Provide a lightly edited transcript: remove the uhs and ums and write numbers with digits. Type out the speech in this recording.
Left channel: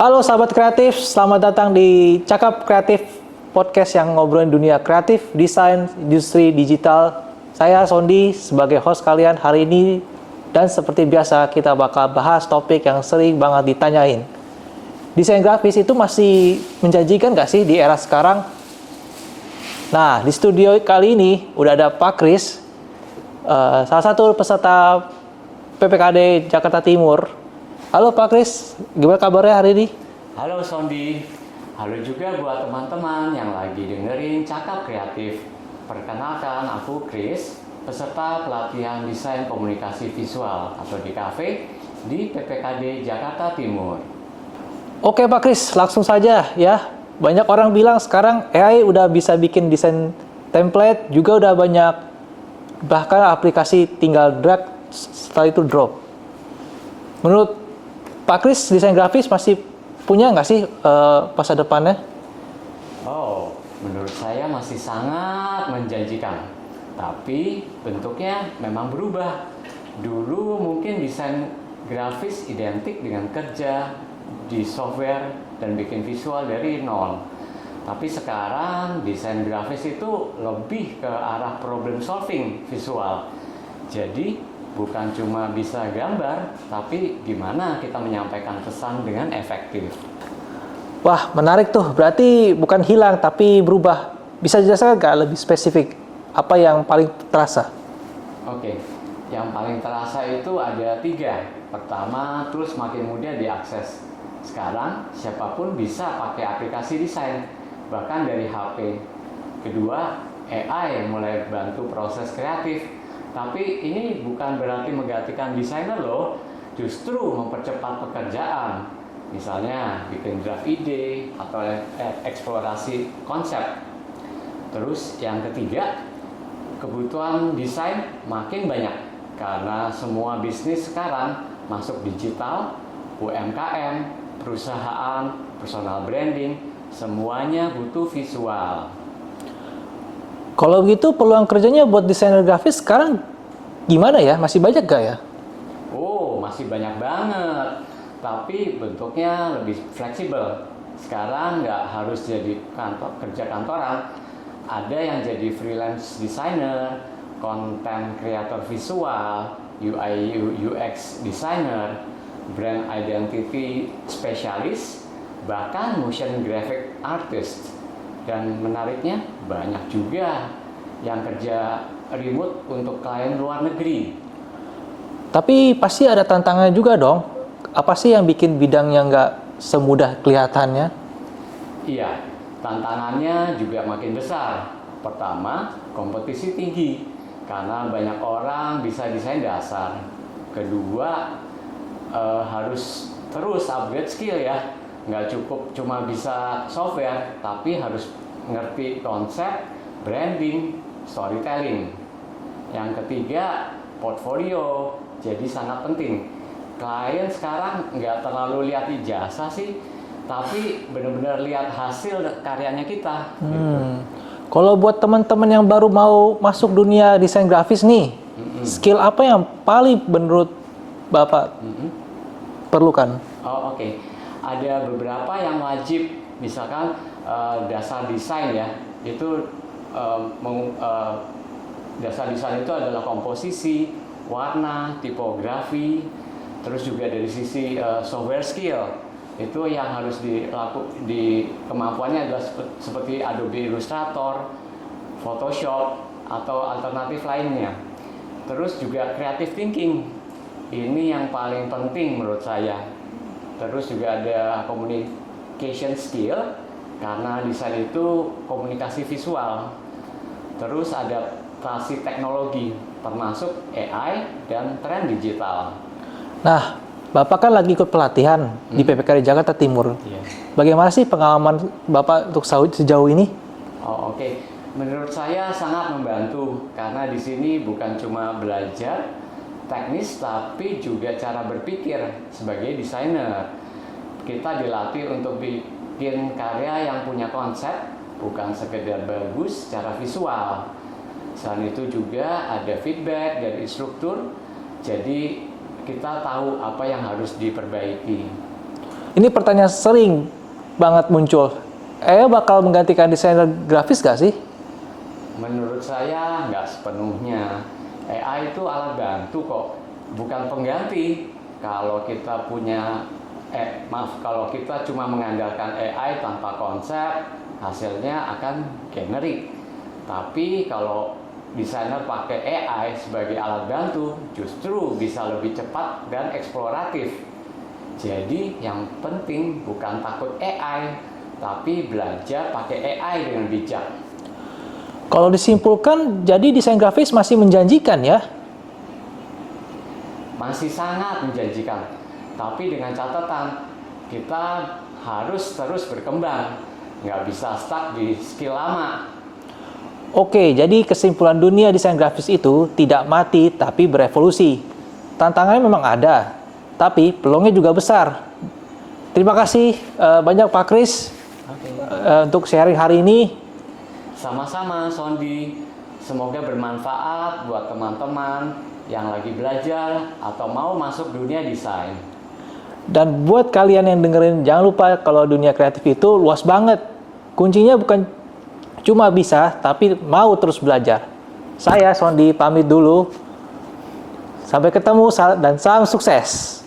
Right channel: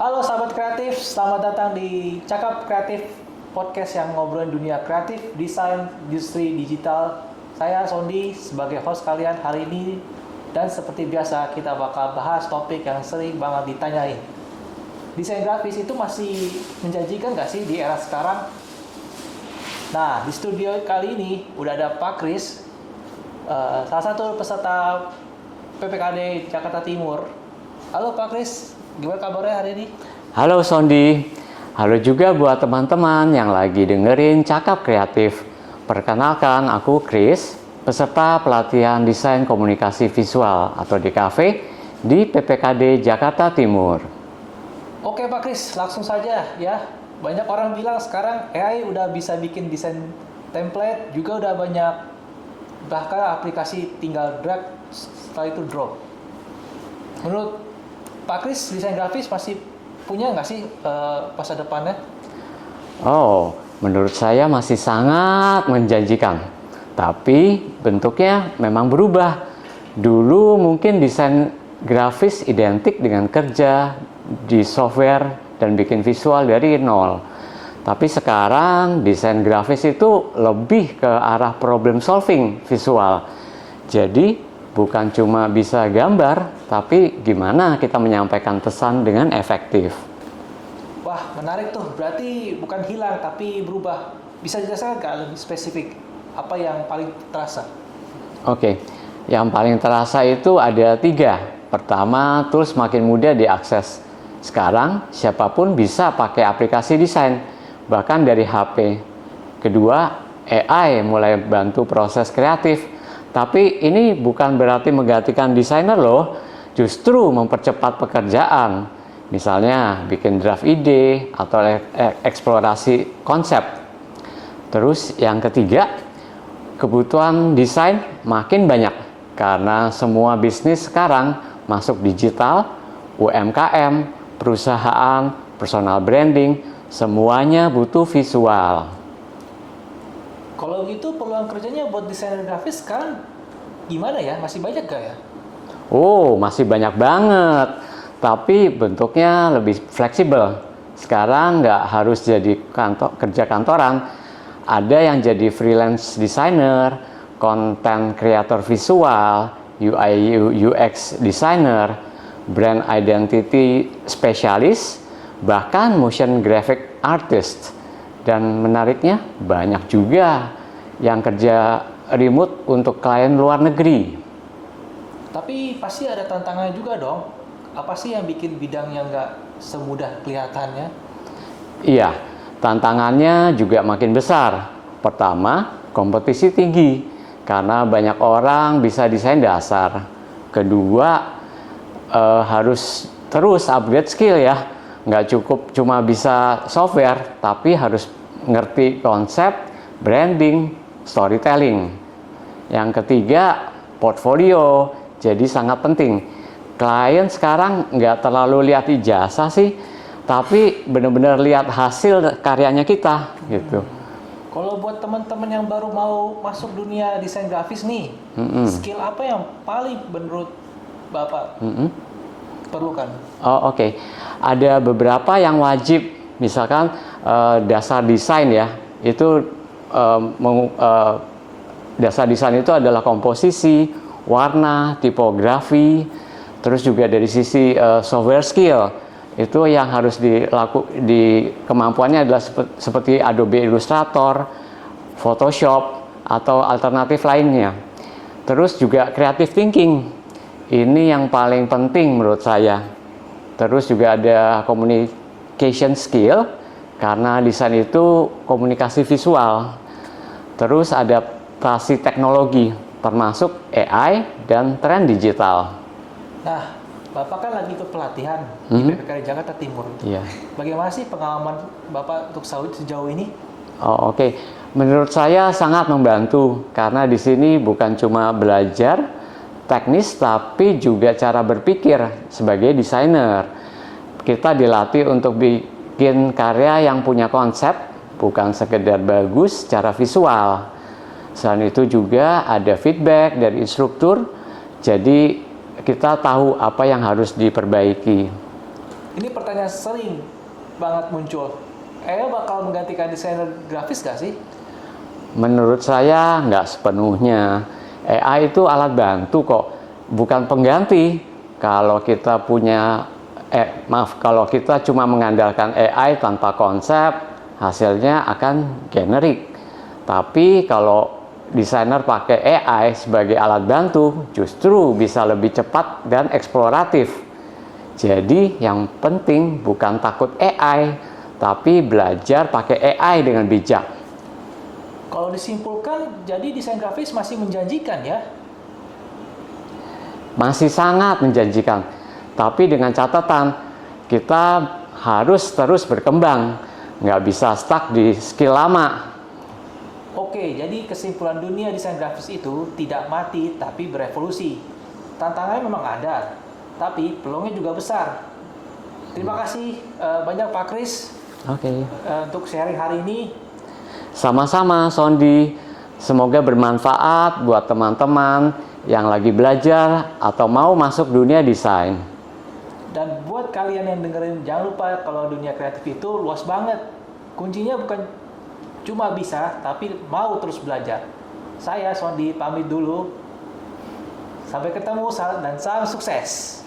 Halo sahabat kreatif, selamat datang di Cakap Kreatif, podcast yang ngobrolin dunia kreatif, desain, industri digital. Saya Sondi sebagai host kalian hari ini, dan seperti biasa kita bakal bahas topik yang sering banget ditanyain. Desain grafis itu masih menjanjikan nggak sih di era sekarang? Nah, di studio kali ini udah ada Pak Kris, salah satu peserta PPKD Jakarta Timur. Halo Pak Kris, gimana kabarnya hari ini? Halo Sondi, halo juga buat teman-teman yang lagi dengerin Cakap Kreatif. Perkenalkan, aku Kris, peserta pelatihan Desain Komunikasi Visual atau DKV di PPKD Jakarta Timur. Oke Pak Kris, langsung saja ya. Banyak orang bilang sekarang AI udah bisa bikin desain template, juga udah banyak, bahkan aplikasi tinggal drag, setelah itu drop. Menurut Pak Kris, desain grafis masih punya nggak sih masa depannya? Oh, menurut saya masih sangat menjanjikan. Tapi bentuknya memang berubah. Dulu mungkin desain grafis identik dengan kerja di software dan bikin visual dari nol. Tapi sekarang desain grafis itu lebih ke arah problem solving visual. Jadi bukan cuma bisa gambar, tapi gimana kita menyampaikan pesan dengan efektif. Wah, menarik tuh. Berarti bukan hilang, tapi berubah. Bisa dijelaskan nggak lebih spesifik? Apa yang paling terasa? Oke, yang paling terasa itu ada 3. Pertama, tools makin mudah diakses. Sekarang, siapapun bisa pakai aplikasi desain, bahkan dari HP. Kedua, AI mulai bantu proses kreatif. Tapi ini bukan berarti menggantikan desainer loh, justru mempercepat pekerjaan. Misalnya bikin draft ide atau eksplorasi konsep. Terus yang ketiga, kebutuhan desain makin banyak karena semua bisnis sekarang masuk digital, UMKM, perusahaan, personal branding, semuanya butuh visual. Kalau gitu peluang kerjanya buat desainer grafis sekarang gimana ya? Masih banyak gak ya? Oh, masih banyak banget. Tapi bentuknya lebih fleksibel. Sekarang nggak harus jadi kerja kantoran. Ada yang jadi freelance designer, content creator visual, UI UX designer, brand identity specialist, bahkan motion graphic artist. Dan menariknya banyak juga yang kerja remote untuk klien luar negeri. Tapi pasti ada tantangannya juga dong. Apa sih yang bikin bidangnya nggak semudah kelihatannya? Iya, tantangannya juga makin besar. Pertama, kompetisi tinggi karena banyak orang bisa desain dasar. Kedua, harus terus upgrade skill ya. Nggak cukup cuma bisa software, tapi harus ngerti konsep, branding, storytelling. Yang ketiga, portfolio. Jadi sangat penting. Klien sekarang nggak terlalu lihat ijazah sih, tapi benar-benar lihat hasil karyanya kita. Gitu. Kalau buat teman-teman yang baru mau masuk dunia desain grafis nih, skill apa yang paling menurut Bapak perlukan? Oh, oke. Ada beberapa yang wajib, misalkan dasar desain ya, itu dasar desain itu adalah komposisi, warna, tipografi, terus juga dari sisi software skill, itu yang harus kemampuannya adalah seperti Adobe Illustrator, Photoshop, atau alternatif lainnya. Terus juga creative thinking, ini yang paling penting menurut saya. Terus juga ada communication skill, karena desain itu komunikasi visual. Terus adaptasi teknologi, termasuk AI dan tren digital. Nah, Bapak kan lagi ikut pelatihan di PPKD Jakarta Timur. Iya. Bagaimana sih pengalaman Bapak untuk sejauh ini? Oh, oke. Menurut saya sangat membantu, karena di sini bukan cuma belajar teknis, tapi juga cara berpikir sebagai desainer. Kita dilatih untuk bikin karya yang punya konsep, bukan sekedar bagus secara visual. Selain itu juga ada feedback dari instruktur, jadi kita tahu apa yang harus diperbaiki. Ini pertanyaan sering banget muncul. AI bakal menggantikan desainer grafis gak sih? Menurut saya nggak sepenuhnya. AI itu alat bantu kok, bukan pengganti. Kalau kita kalau kita cuma mengandalkan AI tanpa konsep, hasilnya akan generik. Tapi kalau desainer pakai AI sebagai alat bantu, justru bisa lebih cepat dan eksploratif. Jadi yang penting bukan takut AI, tapi belajar pakai AI dengan bijak. Kalau disimpulkan, jadi desain grafis masih menjanjikan ya? Masih sangat menjanjikan, tapi dengan catatan kita harus terus berkembang, nggak bisa stuck di skill lama. Oke, jadi kesimpulan dunia desain grafis itu tidak mati tapi berevolusi. Tantangannya memang ada, tapi peluangnya juga besar. Terima kasih banyak Pak Kris untuk sharing hari ini. Sama-sama Sondi, semoga bermanfaat buat teman-teman yang lagi belajar atau mau masuk dunia desain. Dan buat kalian yang dengerin, jangan lupa kalau dunia kreatif itu luas banget. Kuncinya bukan cuma bisa, tapi mau terus belajar. Saya Sondi pamit dulu. Sampai ketemu dan salam sukses.